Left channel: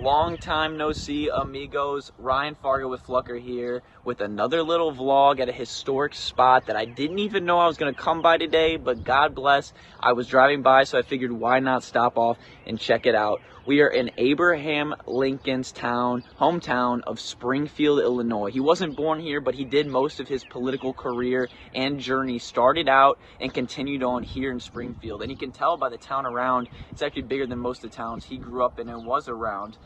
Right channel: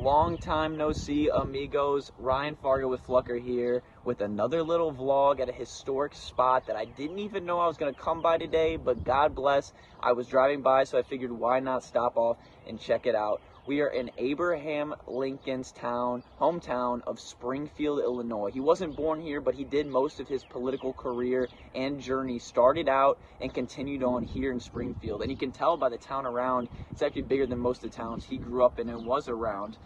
Long time no see, amigos. Ryan Fargo with Flucker here with another little vlog at a historic spot that I didn't even know I was going to come by today, but God bless, I was driving by, so I figured why not stop off and check it out. We are in Abraham Lincoln's hometown of Springfield, Illinois. He wasn't born here, but he did most of his political career and journey started out and continued on here in Springfield. And you can tell by the town around, it's actually bigger than most of the towns he grew up in and was around.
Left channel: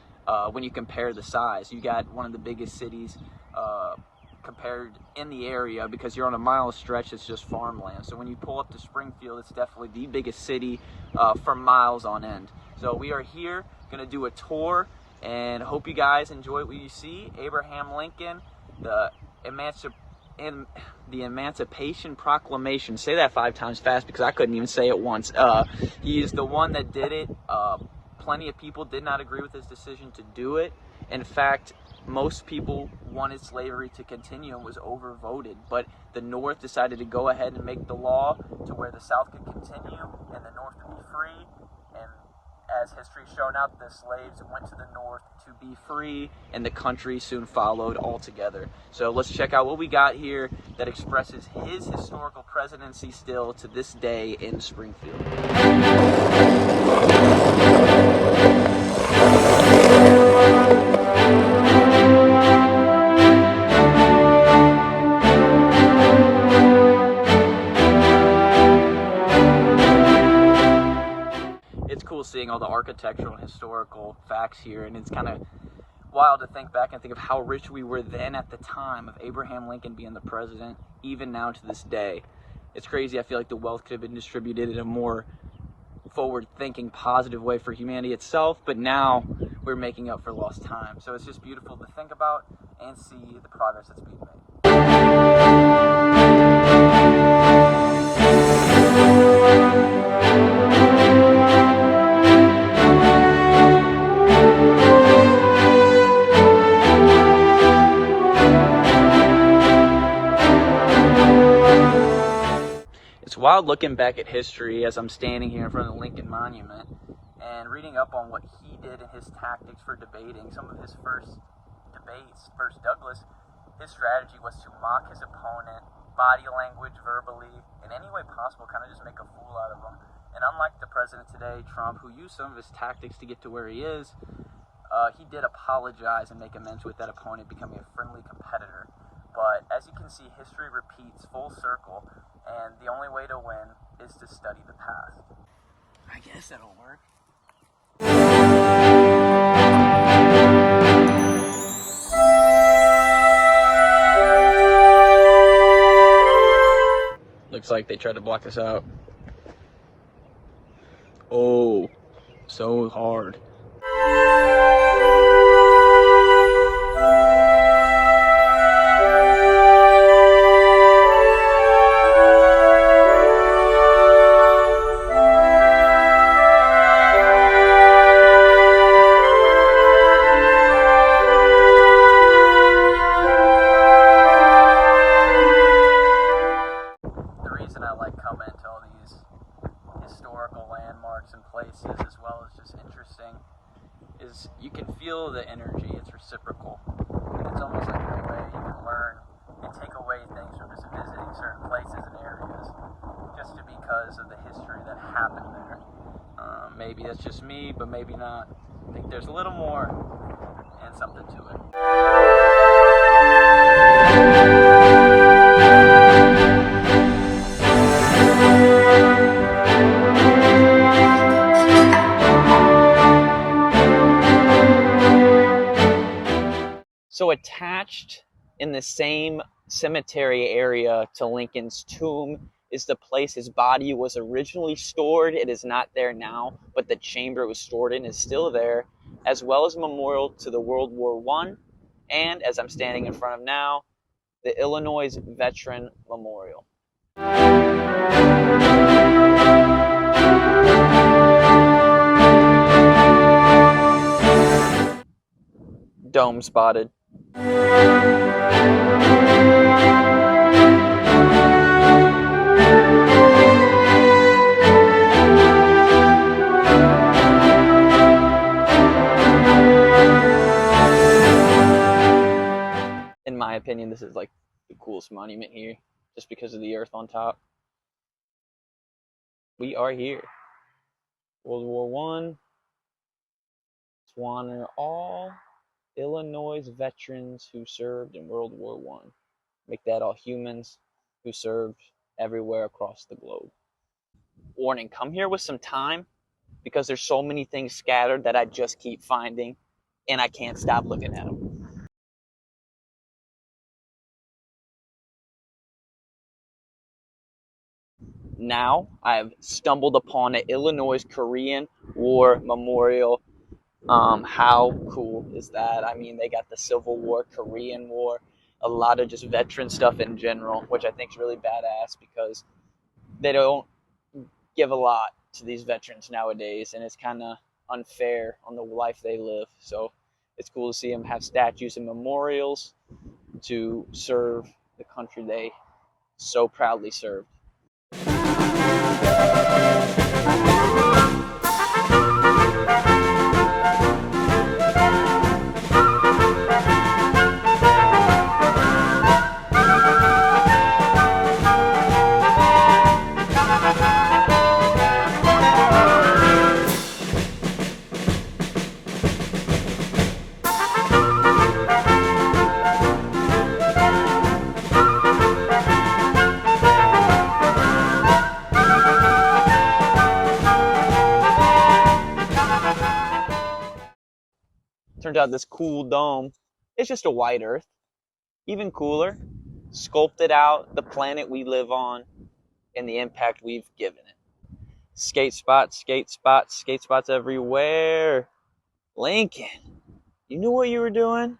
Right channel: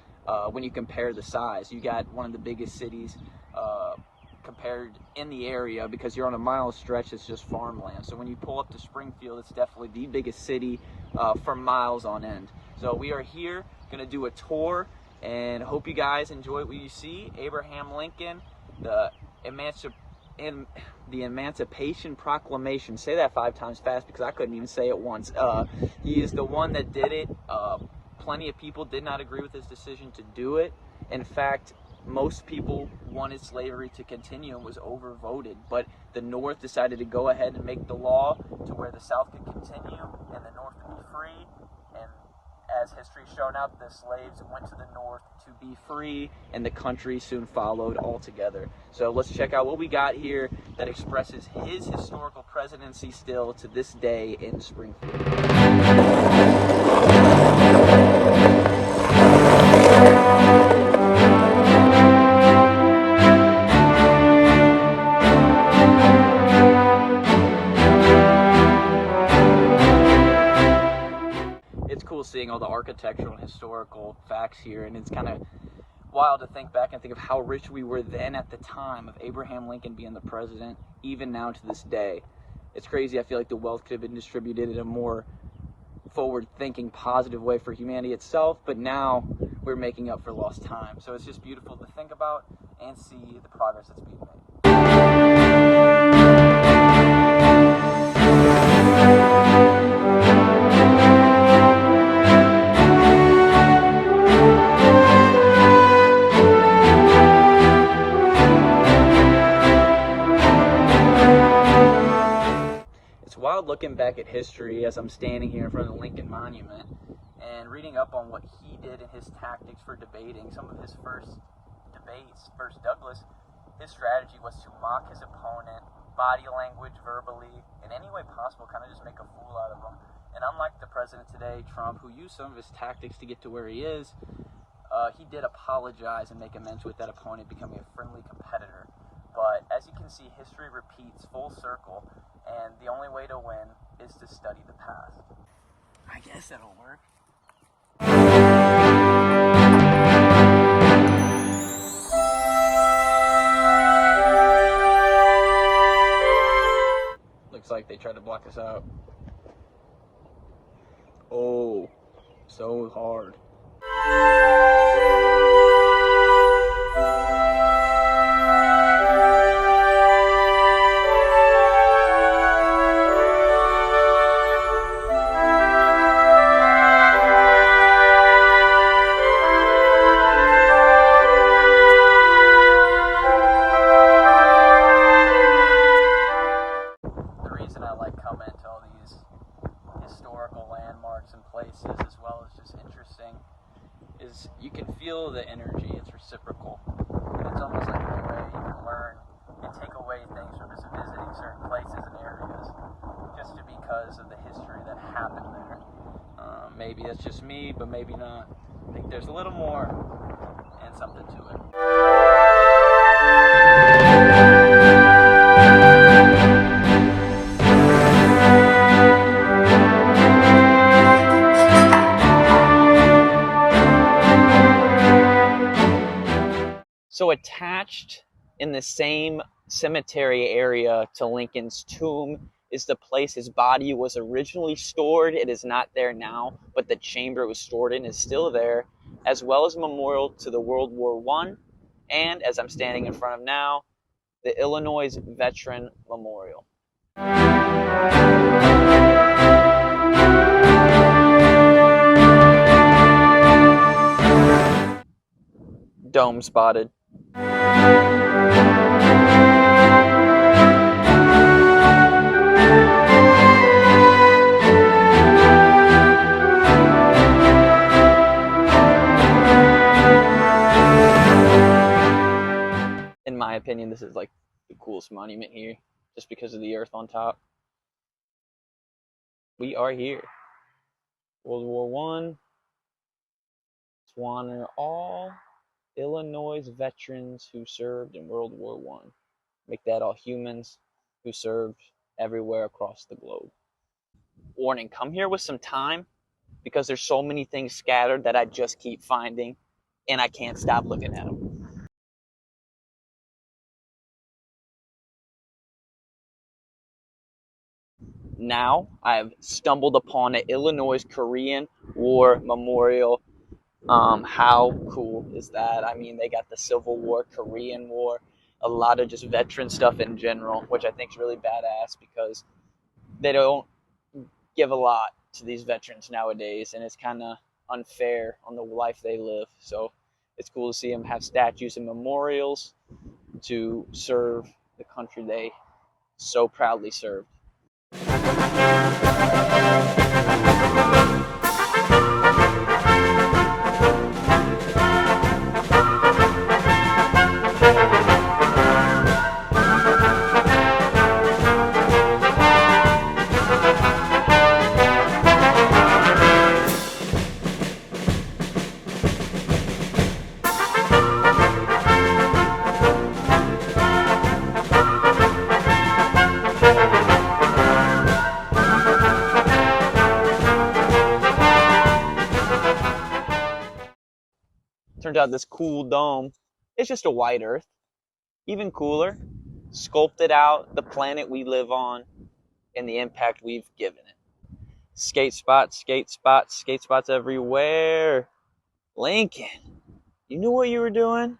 When you compare the size, you got one of the biggest cities compared in the area, because you're on a mile stretch, it's just farmland. So when you pull up to Springfield, it's definitely the biggest city for miles on end. So we are here gonna do a tour and hope you guys enjoy what you see. Abraham Lincoln, the Emancipation Proclamation. Say that 5 times fast because I couldn't even say it once. He is the one that did it. Plenty of people did not agree with his decision to do it. In fact, most people wanted slavery to continue and was overvoted, but the North decided to go ahead and make the law to where the South could continue and the North could be free. And as history's shown out, the slaves went to the North to be free, and the country soon followed altogether. So let's check out what we got here that expresses his historical presidency still to this day in Springfield. It's cool seeing all the architectural and historical facts here, and it's kind of wild to think back and think of how rich we were then at the time of Abraham Lincoln being the president, even now to this day. It's crazy. I feel like the wealth could have been distributed in a more forward-thinking, positive way for humanity itself, but now we're making up for lost time. So it's just beautiful to think about and see the progress that's being made. It's wild looking back at history as I'm standing here in front of the Lincoln Monument and reading up on what he did and his tactics for debating. Some of his first debates, first Douglas, his strategy was to mock his opponent, body language, verbally, in any way possible, kind of just make a fool out of him. And unlike the president today, Trump, who used some of his tactics to get to where he is, he did apologize and make amends with that opponent, becoming a friendly competitor. But as you can see, history repeats full circle, and the only way to win is to study the past. I guess that'll work. Looks like they tried to block us out. Oh, so hard. And places, as well as just interesting, is you can feel the energy. It's reciprocal, and it's almost like a way you can learn and take away things from just visiting certain places and areas, just because of the history that happened there. Maybe that's just me, but maybe not. I think there's a little more and something to it. So attached in the same cemetery area to Lincoln's tomb is the place his body was originally stored. It is not there now, but the chamber it was stored in is still there, as well as a memorial to the World War I, and as I'm standing in front of now, the Illinois Veteran Memorial. Dome spotted. my opinion, this is like the coolest monument here, just because of the earth on top. We are here. World War One. To honor all Illinois veterans who served in World War One. Make that all humans who served everywhere across the globe. Warning, come here with some time because there's so many things scattered that I just keep finding and I can't stop looking at them. Now I have stumbled upon an Illinois Korean War Memorial. How cool is that? I mean, they got the Civil War, Korean War, a lot of just veteran stuff in general, which I think is really badass because they don't give a lot to these veterans nowadays, and it's kind of unfair on the life they live. So it's cool to see them have statues and memorials to serve the country they so proudly served. Turns out this cool dome is just a white earth. Even cooler, sculpted out the planet we live on and the impact we've given it. Skate spots, skate spots, skate spots everywhere. Lincoln, you knew what you were doing?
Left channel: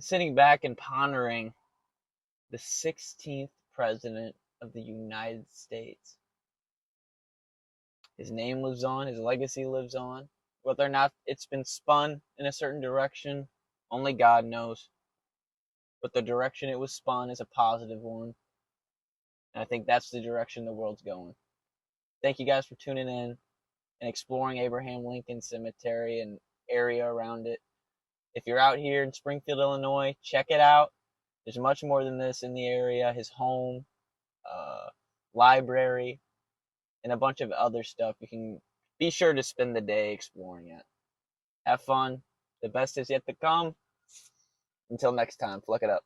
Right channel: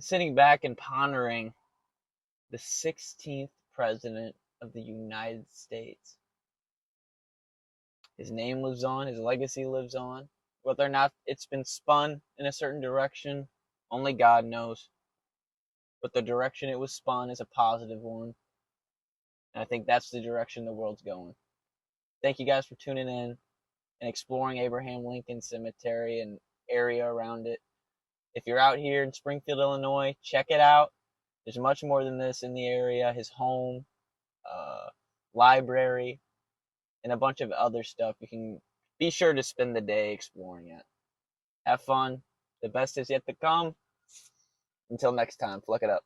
Sitting back and pondering the 16th president of the United States. His name lives on, his legacy lives on. Whether or not it's been spun in a certain direction, only God knows. But the direction it was spun is a positive one. And I think that's the direction the world's going. Thank you guys for tuning in and exploring Abraham Lincoln Cemetery and area around it. If you're out here in Springfield, Illinois, check it out. There's much more than this in the area. His home, library, and a bunch of other stuff. You can be sure to spend the day exploring it. Have fun. The best is yet to come. Until next time, fluck it up.